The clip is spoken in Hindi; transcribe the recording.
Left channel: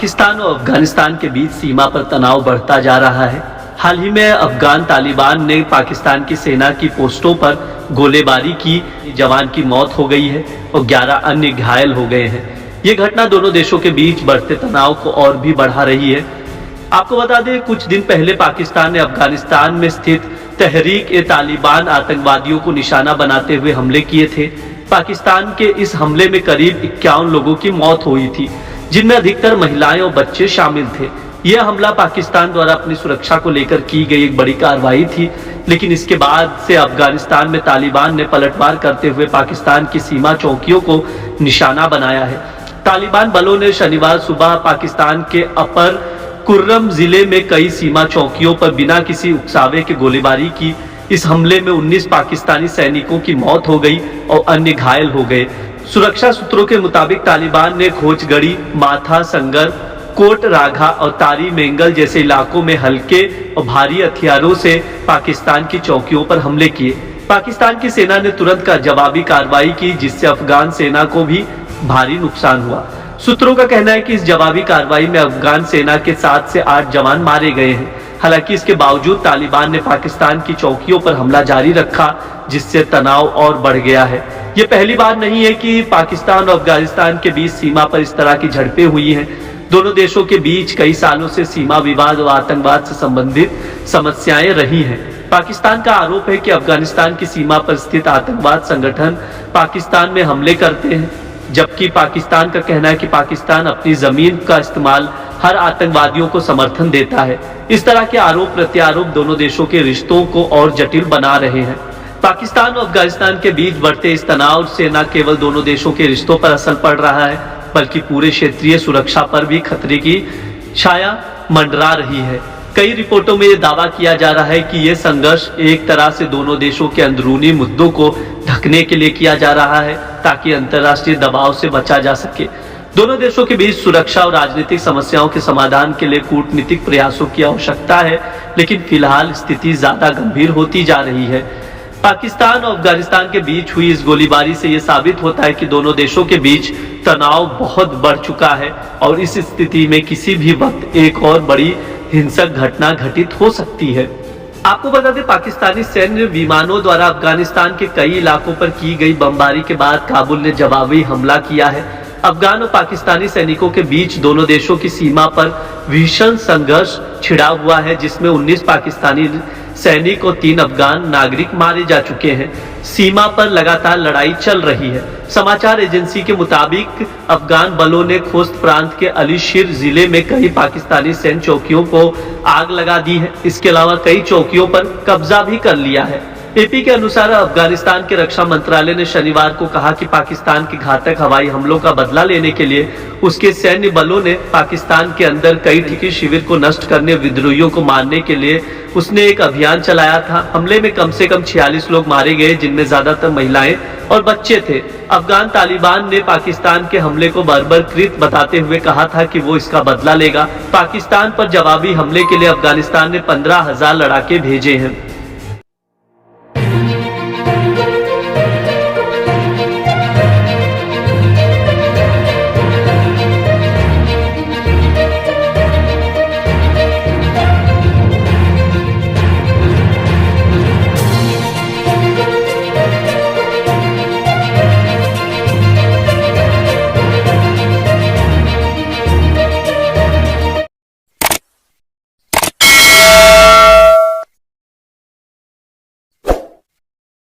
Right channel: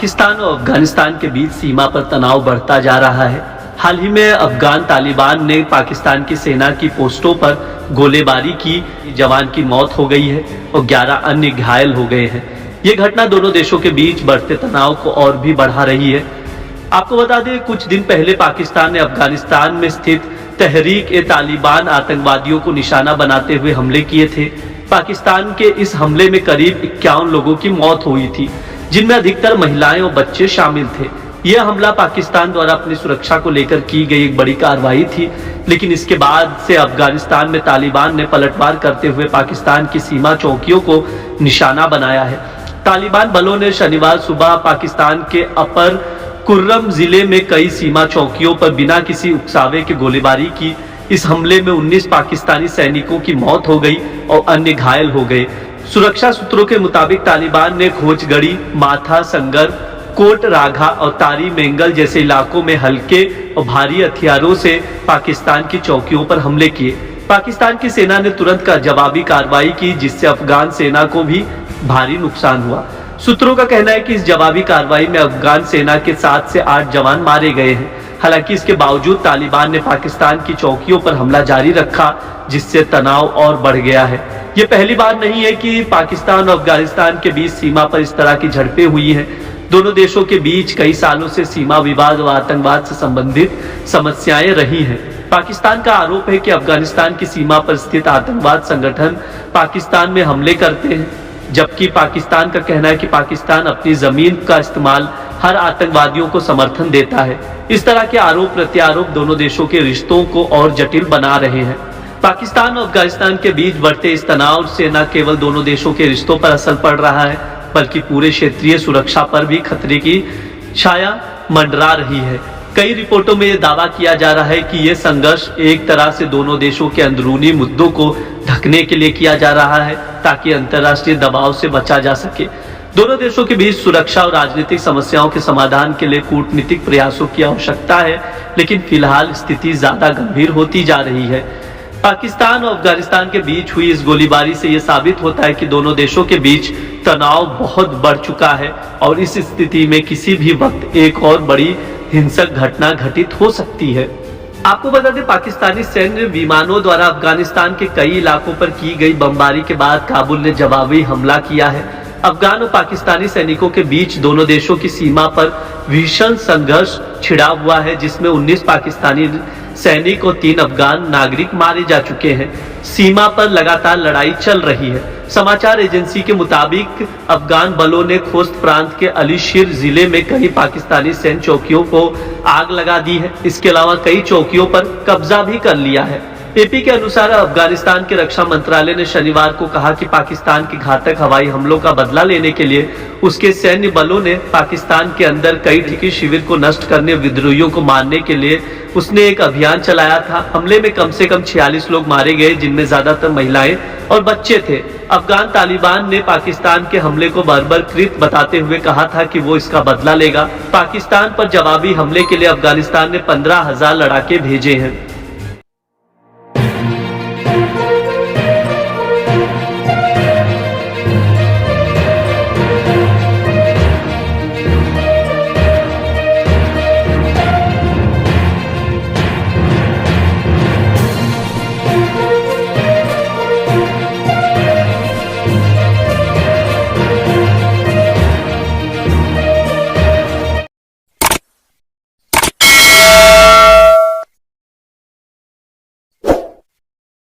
पाकिस्तान और अफगानिस्तान के बीच सीमा पर तनाव बढ़ता जा रहा है। हाल ही में अफगान तालिबान ने पाकिस्तान की सेना की पोस्टों पर गोलीबारी की, जवान की मौत हो गई है और 11 अन्य घायल हो गए हैं। ये घटना दोनों देशों के बीच बढ़ते तनाव को और भी बढ़ा रही है। आपको बता दें, कुछ दिन पहले पाकिस्तान ने अफगानिस्तान में स्थित तहरीक-ए-तालिबान आतंकवादियों को निशाना बनाते हुए हमले किए थे। पाकिस्तान के इस हमले में करीब 51 लोगों की मौत हुई थी, जिनमें अधिकतर महिलाएं और बच्चे शामिल थे। यह हमला पाकिस्तान द्वारा अपनी सुरक्षा को लेकर की गई एक बड़ी कार्रवाई थी, लेकिन इसके बाद से अफगानिस्तान में तालिबान ने पलटवार करते हुए पाकिस्तान की सीमा चौकियों को निशाना बनाया है। तालिबान बलों ने शनिवार सुबह पाकिस्तान के अपर कुर्रम जिले में कई सीमा चौकियों पर बिना किसी उकसावे के गोलीबारी की। इस हमले में 19 पाकिस्तानी सैनिकों की मौत हो गई और अन्य घायल हो गए। सुरक्षा सूत्रों के मुताबिक तालिबान ने खोजगढ़ी, माथा संगर, कोट राघा और तारी मेंगल जैसे इलाकों में हल्के और भारी हथियारों से पाकिस्तान की चौकियों पर हमले किए। पाकिस्तान की सेना ने तुरंत का जवाबी कार्रवाई की, जिससे अफगान सेना को भी भारी नुकसान हुआ। सूत्रों का कहना है कि इस जवाबी कार्रवाई में अफगान सेना के 7 से 8 जवान मारे गए हैं। हालांकि इसके बावजूद तालिबान ने पाकिस्तान की चौकियों पर हमला जारी रखा, जिससे तनाव और बढ़ गया है। यह पहली बार नहीं है कि पाकिस्तान और अफगानिस्तान के बीच सीमा पर इस तरह की झड़पें हुई हैं। दोनों देशों के बीच कई सालों से सीमा विवाद व आतंकवाद से संबंधित समस्याएं रही हैं। पाकिस्तान का आरोप है कि अफगानिस्तान की सीमा पर स्थित आतंकवाद संगठन पाकिस्तान में हमले करते हैं, जबकि पाकिस्तान का कहना है कि पाकिस्तान अपनी जमीन का इस्तेमाल हर आतंकवादियों को समर्थन देता है। इस तरह के आरोप प्रत्यारोप दोनों देशों के रिश्तों को और जटिल बना रहे हैं। पाकिस्तान और अफगानिस्तान के बीच बढ़ते इस तनाव से न केवल दोनों देशों के रिश्तों पर असर पड़ रहा है, बल्कि पूरे क्षेत्रीय सुरक्षा पर भी खतरे की छाया मंडरा रही है। कई रिपोर्टों में यह दावा किया जा रहा है कि यह संघर्ष एक तरह से दोनों देशों के अंदरूनी मुद्दों को ढकने के लिए किया जा रहा है, ताकि अंतर्राष्ट्रीय दबाव से बचा जा सके। दोनों देशों के बीच सुरक्षा और राजनीतिक समस्याओं के समाधान के लिए कूटनीतिक प्रयासों की आवश्यकता है, लेकिन फिलहाल स्थिति ज्यादा गंभीर होती जा रही है। पाकिस्तान और अफगानिस्तान के बीच हुई इस गोलीबारी से यह साबित होता है कि दोनों देशों के बीच तनाव बहुत बढ़ चुका है और इस स्थिति में किसी भी वक्त एक और बड़ी हिंसक घटना घटित हो सकती है। आपको बता दें, पाकिस्तानी सैन्य विमानों द्वारा अफगानिस्तान के कई इलाकों पर की गई बमबारी के बाद काबुल ने जवाबी हमला किया है। अफगान और पाकिस्तानी सैनिकों के बीच दोनों देशों की सीमा पर भीषण संघर्ष छिड़ा हुआ है, जिसमें 19 पाकिस्तानी सैनिक और 3 अफगान नागरिक मारे जा चुके हैं। सीमा पर लगातार लड़ाई चल रही है। समाचार एजेंसी के मुताबिक अफगान बलों ने खोस्त प्रांत के अलीशीर जिले में कई पाकिस्तानी सैन्य चौकियों को आग लगा दी है। इसके अलावा कई चौकियों पर कब्जा भी कर लिया है। एपी के अनुसार अफगानिस्तान के रक्षा मंत्रालय ने शनिवार को कहा कि पाकिस्तान के घातक हवाई हमलों का बदला लेने के लिए उसके सैन्य बलों ने पाकिस्तान के अंदर कई टिकी शिविर को नष्ट करने, विद्रोहियों को मारने के लिए उसने एक अभियान चलाया था। हमले में कम से कम 46 लोग मारे गए, जिनमें ज्यादातर महिलाएं और बच्चे थे। अफगान तालिबान ने पाकिस्तान के हमले को बर्बरकृत बताते हुए कहा था कि वो इसका बदला लेगा। पाकिस्तान पर जवाबी हमले के लिए अफगानिस्तान ने 15,000 लड़ाके भेजे हैं।